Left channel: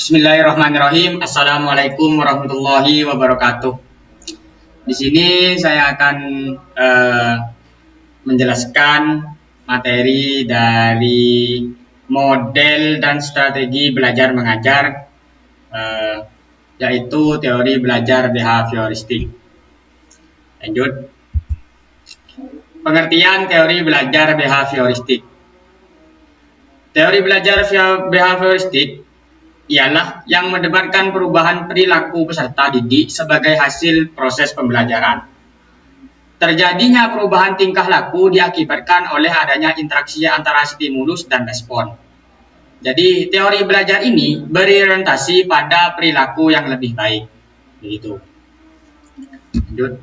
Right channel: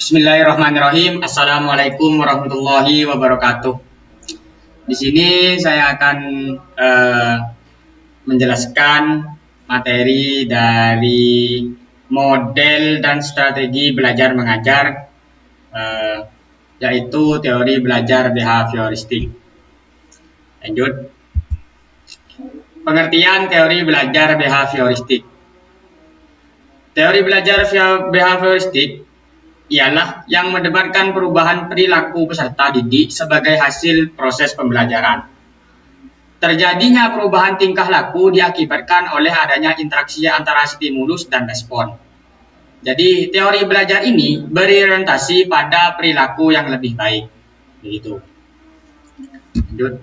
Bismillahirrahmanirrahim. Assalamualaikum warahmatullahi wabarakatuh. Di sini saya akan menjelaskan materi dari model dan strategi belajar mengajar, yaitu teori belajar behavioristik. Lanjut. Pengertian teori belajar behavioristik. Teori belajar behavioristik ialah yang mendebatkan perubahan perilaku peserta didik sebagai hasil proses pembelajaran. Terjadinya perubahan tingkah laku diakibatkan oleh adanya interaksi antara stimulus dan respon. Jadi teori belajar ini berorientasi pada perilaku yang lebih baik. Begitu. Lanjut.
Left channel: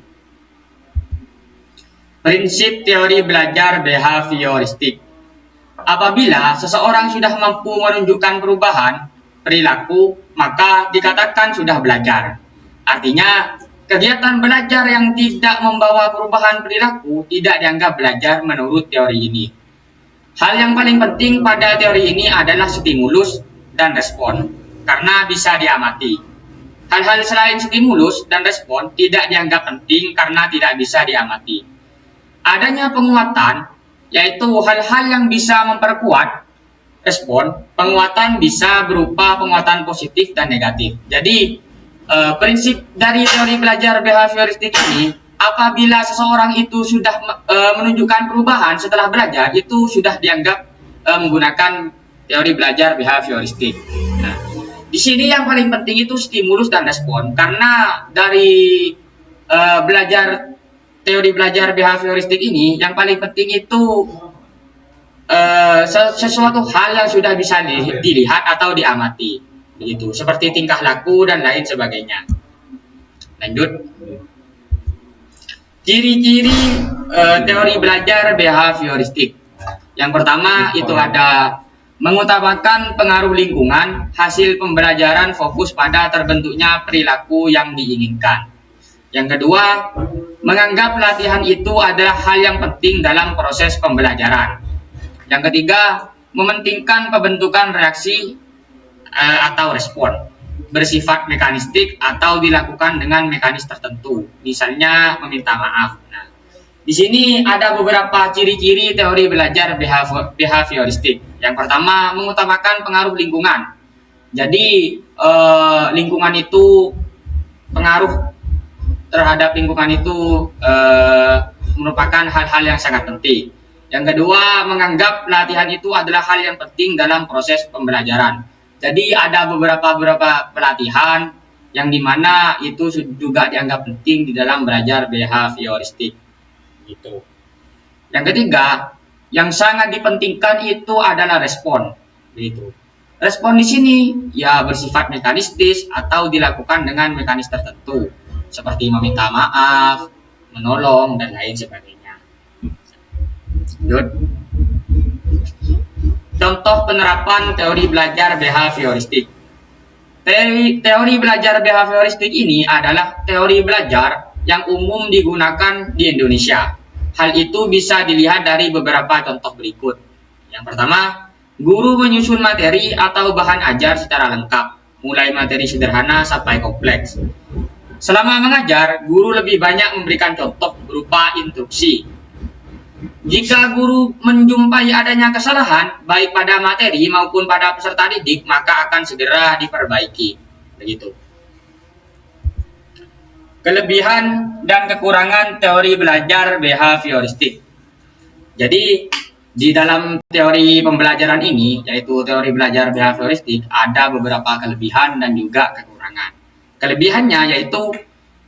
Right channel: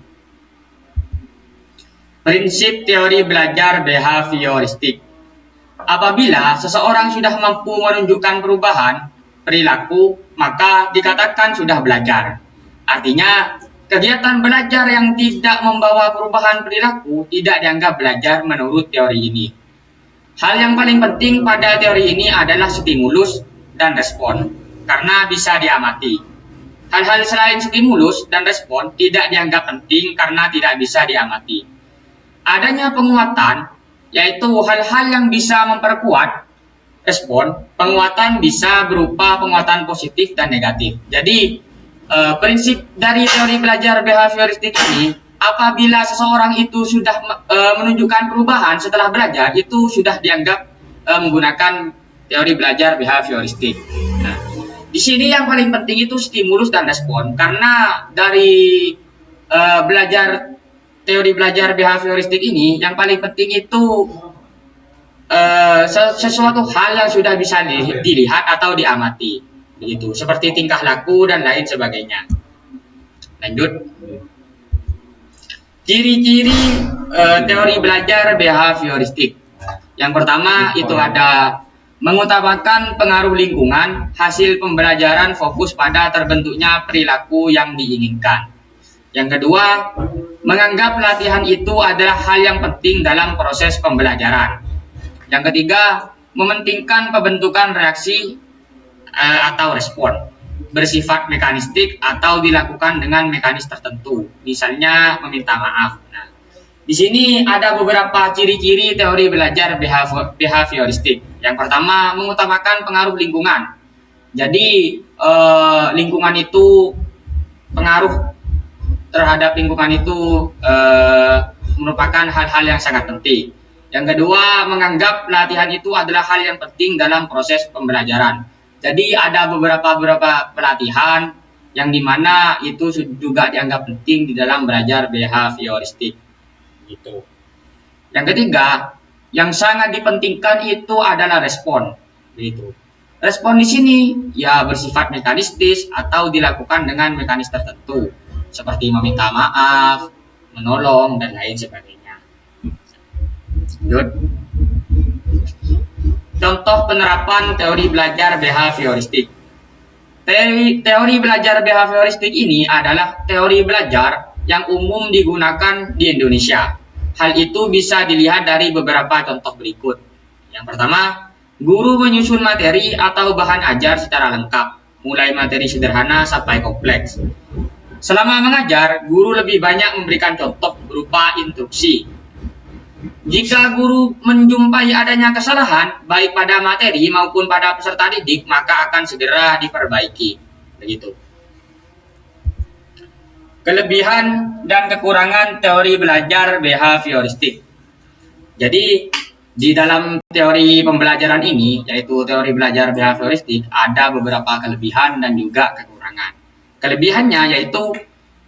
Prinsip teori belajar behavioristik. Apabila seseorang sudah mampu menunjukkan perubahan perilaku, maka dikatakan sudah belajar. Artinya, kegiatan belajar yang tidak membawa perubahan perilaku tidak dianggap belajar menurut teori ini. Hal yang paling penting pada teori ini adalah stimulus dan respon, karena bisa diamati. Hal-hal selain stimulus dan respon tidak dianggap penting karena tidak bisa diamati. Adanya penguatan, yaitu hal-hal yang bisa memperkuat respon. Penguatan bisa berupa penguatan positif dan negatif. Jadi prinsip dari teori belajar behavioristik ini, apabila seseorang itu sudah menunjukkan perubahan setelah belajar, itu sudah dianggap menggunakan teori belajar behavioristik. Nah, di sini yang paling penting itu stimulus dan respon, karena dari teori belajar behavioristik ini yang paling penting itu sesuatu hal yang sudah bisa dilihat atau diamati, begitu, seperti tingkah laku dan lain sebagainya. Lanjut. Ciri-ciri teori belajar behavioristik. Yang pertama itu ada mengutamakan pengaruh lingkungan. Hasil pembelajaran fokus pada terbentuknya perilaku yang diinginkan. Yang kedua, menganggap latihan itu adalah hal yang penting dalam proses pembelajaran. Yang ketiga, mementingkan pembentukan reaksi atau respon, bersifat mekanistik atau dilakukan dengan mekanis tertentu, misalnya meminta maaf. Nah, di sini ada beberapa ciri-ciri teori belajar behavioristik. Yang pertama, mengutamakan pengaruh lingkungan. Jadi lingkungan itu, pengaruh terhadap lingkungan itu merupakan hal-hal yang sangat penting. Yang kedua, menganggap latihan itu adalah hal yang penting dalam proses pembelajaran. Jadi ada beberapa pelatihan yang dimana itu juga dianggap penting di dalam belajar behavioristik. Gitu. Yang ketiga, yang sangat dipentingkan itu adalah respon. Gitu. Respon di sini ya bersifat mekanistis atau dilakukan dengan mekanis tertentu, seperti meminta maaf, menolong, dan lain sebagainya. Contoh penerapan teori belajar behavioristik. Teori belajar behavioristik ini adalah teori belajar yang umum digunakan di Indonesia. Hal itu bisa dilihat dari beberapa contoh berikut. Yang pertama, guru menyusun materi atau bahan ajar secara lengkap, mulai materi sederhana sampai kompleks. Selama mengajar, guru lebih banyak memberikan contoh berupa instruksi. Jika guru menjumpai adanya kesalahan, baik pada materi maupun pada peserta didik, maka akan segera diperbaiki. Begitu. Kelebihan dan kekurangan teori belajar behavioristik. Jadi, di dalam teori pembelajaran ini, yaitu teori belajar behavioristik, ada beberapa kelebihan dan juga kekurangan. Kelebihannya yaitu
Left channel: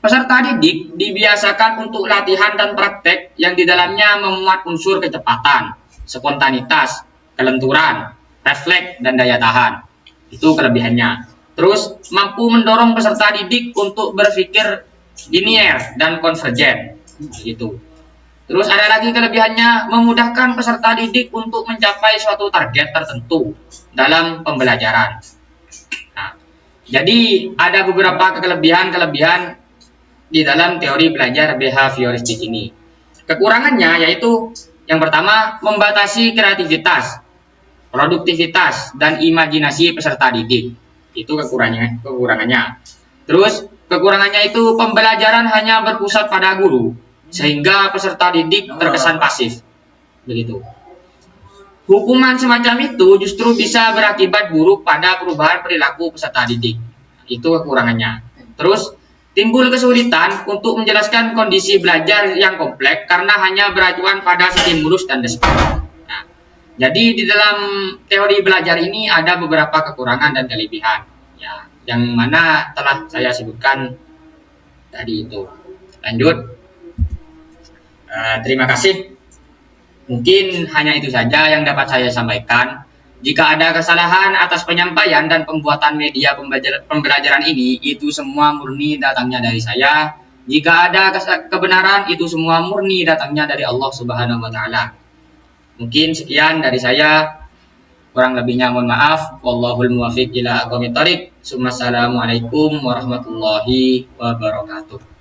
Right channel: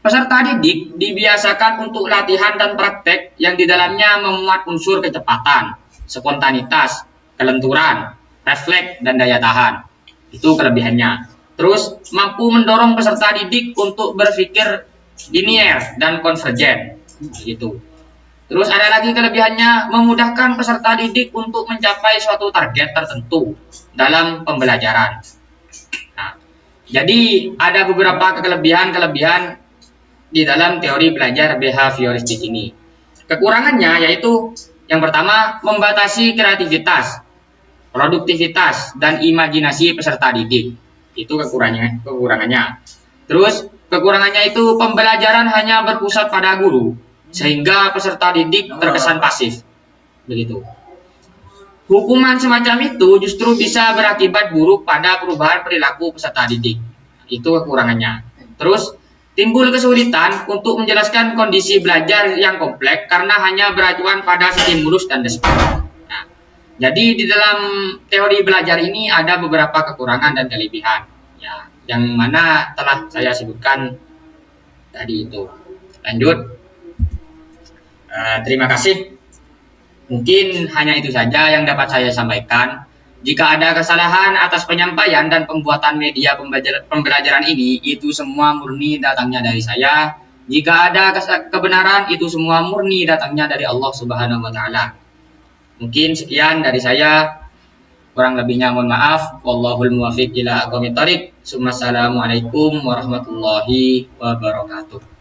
peserta didik dibiasakan untuk latihan dan praktek yang di dalamnya memuat unsur kecepatan, spontanitas, kelenturan, refleks, dan daya tahan. Itu kelebihannya. Terus mampu mendorong peserta didik untuk berpikir linier dan konvergen. Gitu. Terus ada lagi kelebihannya, memudahkan peserta didik untuk mencapai suatu target tertentu dalam pembelajaran. Nah, jadi ada beberapa kelebihan di dalam teori belajar behavioristik ini. Kekurangannya yaitu yang pertama, membatasi kreativitas, produktivitas, dan imajinasi peserta didik. Itu kekurangannya. Terus kekurangannya itu pembelajaran hanya berpusat pada guru sehingga peserta didik terkesan pasif. Begitu. Hukuman semacam itu justru bisa berakibat buruk pada perubahan perilaku peserta didik. Itu kekurangannya. Terus timbul kesulitan untuk menjelaskan kondisi belajar yang kompleks karena hanya beracuan pada stimulus dan deskripsi. Nah, jadi di dalam teori belajar ini ada beberapa kekurangan dan kelebihan, ya, yang mana telah saya sebutkan tadi itu. Lanjut. Terima kasih. Mungkin hanya itu saja yang dapat saya sampaikan. Jika ada kesalahan atas penyampaian dan pembuatan media pembelajaran ini, itu semua murni datangnya dari saya. Jika ada kebenaran, itu semua murni datangnya dari Allah Subhanahu wa Ta'ala. Mungkin sekian dari saya. Kurang lebihnya mohon maaf. Wallahul muwaffiq ila aqwamit thoriq. Assalamualaikum warahmatullahi wabarakatuh.